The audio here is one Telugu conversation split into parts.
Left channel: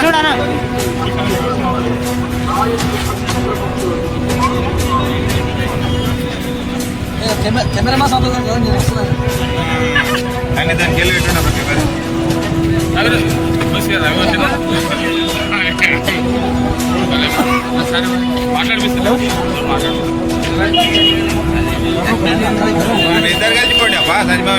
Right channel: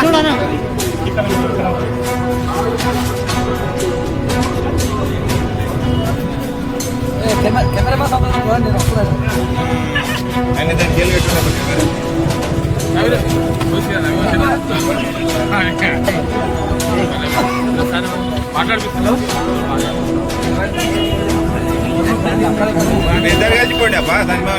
చూడనా కెమెరా ఆయన దానికి వెళ్ళి పెట్టుకున్నప్పుడు కెమెరా మాట్లాడిపిస్తాను ఇద్దరు కలిసిపోండి అబ్బా సంజమావ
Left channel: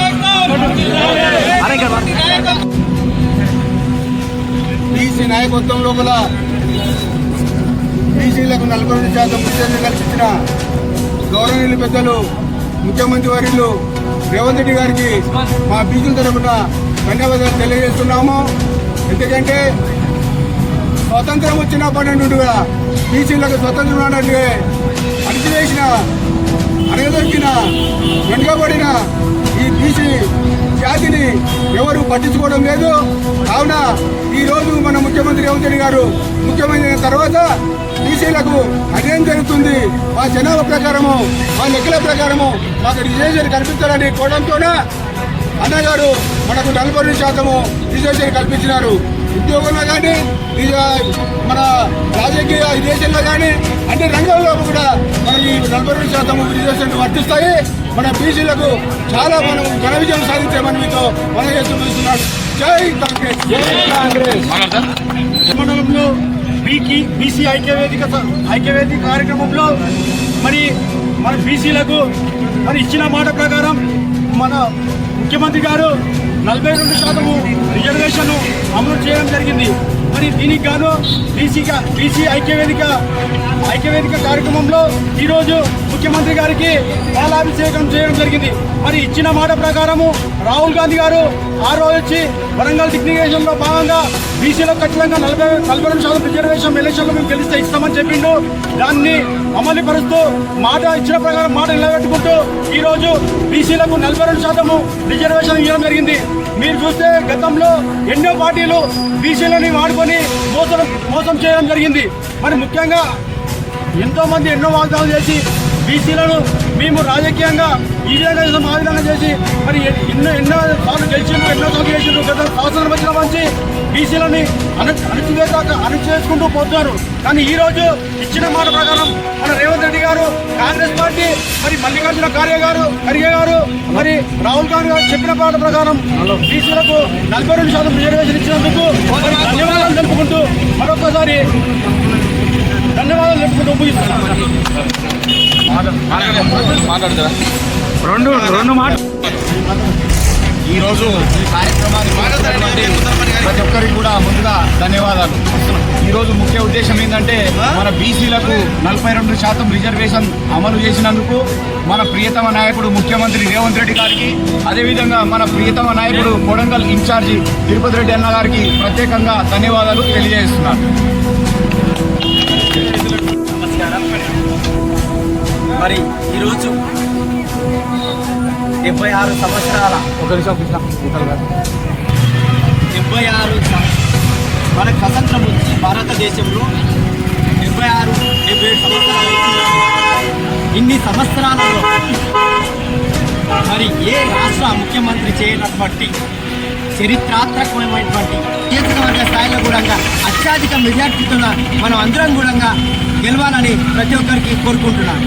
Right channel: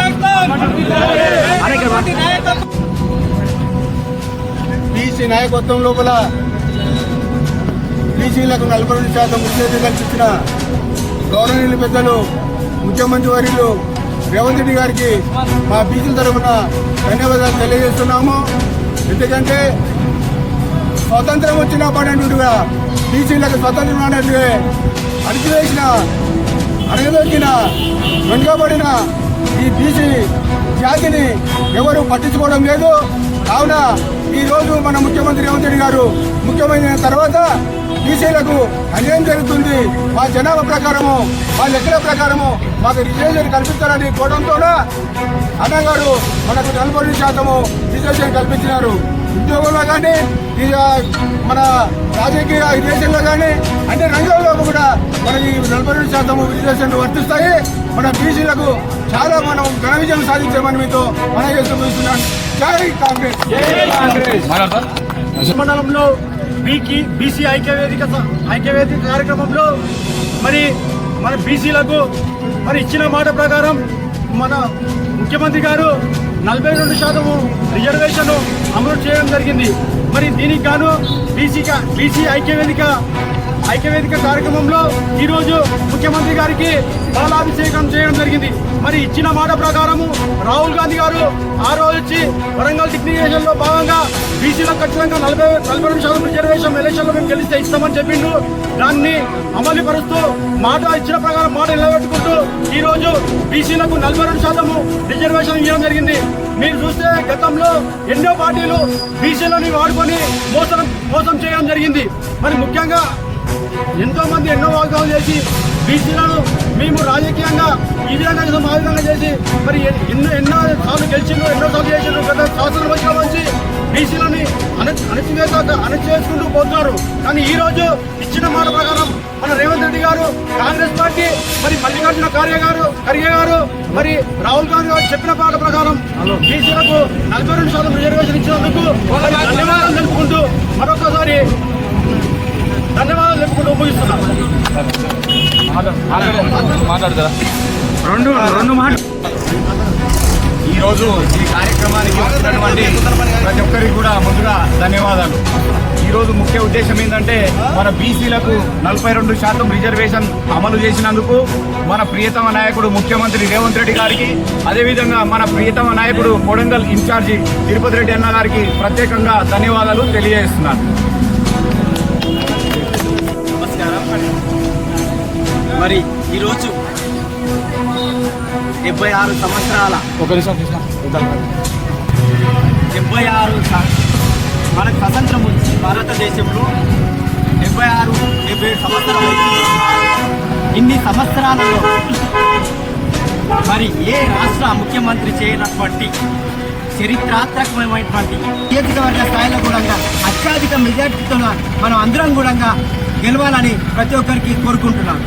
బీసీ నాయకత్వం లోపల బీసీలకు నలభై రెండు శాతం ఉద్యోగం కల్పించిన గౌరవనీయులు పెద్దలు ముఖ్యమంత్రి వర్యులు రేవంత్ రెడ్డి గారికి మా బీసీల తరఫున ధన్యవాదాలు తెలియజేస్తున్నాము. ఎందుకంటే స్వతంత్రం వచ్చిన పన్నెండుగా బీసీలకు స్వతంత్రం అన్నట్టుగా అణిచివేసిన అణగదొక్కిన వెనుకబడిన ఈ బీసీ జాతిని ఎవరు పట్టించుకోవడం లేదు. కావున ఈరోజు మన ముఖ్యమంత్రి రేవంత్ రెడ్డి గారు ముఖ్యమైన తర్వాత బీసీలకు అన్యాయం జరుగుతుంది. మా జనాభా ప్రకారము మా లెక్కల ప్రకారము మాకు రిజర్వేషన్ కల్పించాలని కోవడంతోన అన్నగారు మనకు నలభై రెండు శాతము రిజర్వేషన్ కల్పించినారు. ఉద్యోగంలో కానీ మన రాజకీయ ఈ దేశంలో కానీ అన్ని రంగాల్లో కూడా మన ఈ నలభై రెండు శాతం రిజర్వేషన్ వర్తిస్తాయి. మన బీసీలకు చాలా మనం ఘన విజయం సాధించామని మీతో మన చూస్తున్నాను. జై కాంగ్రెస్. మండలంలో బీకి బీసీ ఐక్యవేదిక ఐక్యవేదిక కార్యక్రమంలో మరి మన బీసీలకు మరి ఇచ్చిన మాట ప్రకారం మన ముఖ్యమంత్రి గారు నలభై రెండు శాతము రిజర్వేషన్ అమలు చేయడం జరిగింది. మరి దీనికి గాను బీసీ బీసీ ఐక్యవేదిక ఐక్యవేదిక కార్యక్రమంలో ఈరోజు ముఖ్యమంత్రి గారికి పాలాభిషేకం చేయడం జరిగింది. మరి ఇచ్చిన మాట ప్రకారము రాహుల్ గాంధీ గారు ఆ రోజు వచ్చి వరంగల్ డిగ్నికేషన్లో భాగంగా బీసీలో ఖచ్చితంగా నలభై నలభై రెండు శాతం రిజర్వేషన్ ఎలక్షన్లో మేము గెలిస్తే ఇస్తామని చెప్పిండు. దాన్ని అమలు పరుస్తూ మాట ఇచ్చిన ప్రకారం మాట నిలబెట్టుకుంటూ ఈరోజు బీసీలకు నలభై రెండు శాతము రిజర్వేషన్ ఇవ్వడం జరిగింది. మీరు చూస్తే గతంలో ఎన్నో పార్టీలు బీసీలని వాడుకొని మోసం మోసం చేయడం జరిగింది. మరి ముఖ్యంగా ఎంతోమంది ఎన్నో వాగ్దానాలు చేసి బీసీలను మేము రాజకీయంగా ఈ విధంగా చేసాం, చేసి మరి ఎన్నో ఎన్నో సార్లు గెలిచిండ్రు ఎన్నో సార్లు చేసిండ్రు గత సంవత్సరం వచ్చిన నుంచి బీసీలని అణ అణచివేత అణచివేసుకుంటూ పోతున్నారు. కానీ ఈ రోజు ఇచ్చిన మాట ప్రకారం మన రేవంత్ రెడ్డి గారు కాంగ్రెస్ పార్టీ మరి మల్లికార్జున ఖార్గే గారు ఖర్గే గారు మరి రాహుల్ గాంధీ గారు చెప్పిన మాట ప్రకారం బీసీలకు నలభై రెండు శాతం రిజర్వేషన్ ఇచ్చినందుకు మరి ధన్యవాదాలు తెలుపుకుంటూ మరొకసారి ధన్యవాదాలు తెలుపుకుంటూ ముగిస్తున్నాను ఈరోజు ఈ కార్యక్రమానికి వచ్చినటువంటి ప్రతి ఒక్కరికి కూడా ముందుగా ధన్యవాదాలు. ఈరోజు ముఖ్య ఉద్దేశం ఏంటంటే మన బీసీలకు నలభై రెండు శాతం రిజర్వేషన్ అమలు చేసినందుకు మన ప్రియతమ నాయకుడు ముఖ్యమంత్రి రేవంత్ రెడ్డి గారికి అదేవిధంగా మన ప్రియతమ నాయకుడు కొడంగల్ ఇన్ఛార్జి తిరుపతి రెడ్డి అన్న గారికి ప్రత్యేకంగా ధన్యవాదాలు తెలియజేస్తున్నాను. మరి ఈరోజు డెబ్బై ఆరు సంవత్సరాల డెబ్బై ఆరు మనకు స్వతంత్రం వచ్చి భారతదేశంలో డెబ్బై ఆరు డెబ్బై ఏడు సంవత్సరాలు అవుతుంది ఇన్ని సంవత్సరాలలో మరి ఏ రాష్ట్ర ముఖ్యమంత్రి చేయనటువంటి చరిత్రాత్మకమైనటువంటి నియోజకవర్గ స్థాయిలో కూడా అత్యధిక మెజార్టీతో మనం అందరం కూడా గెలవాలని ప్రతి ఒక్కరికి కోరుకుంటున్నాను.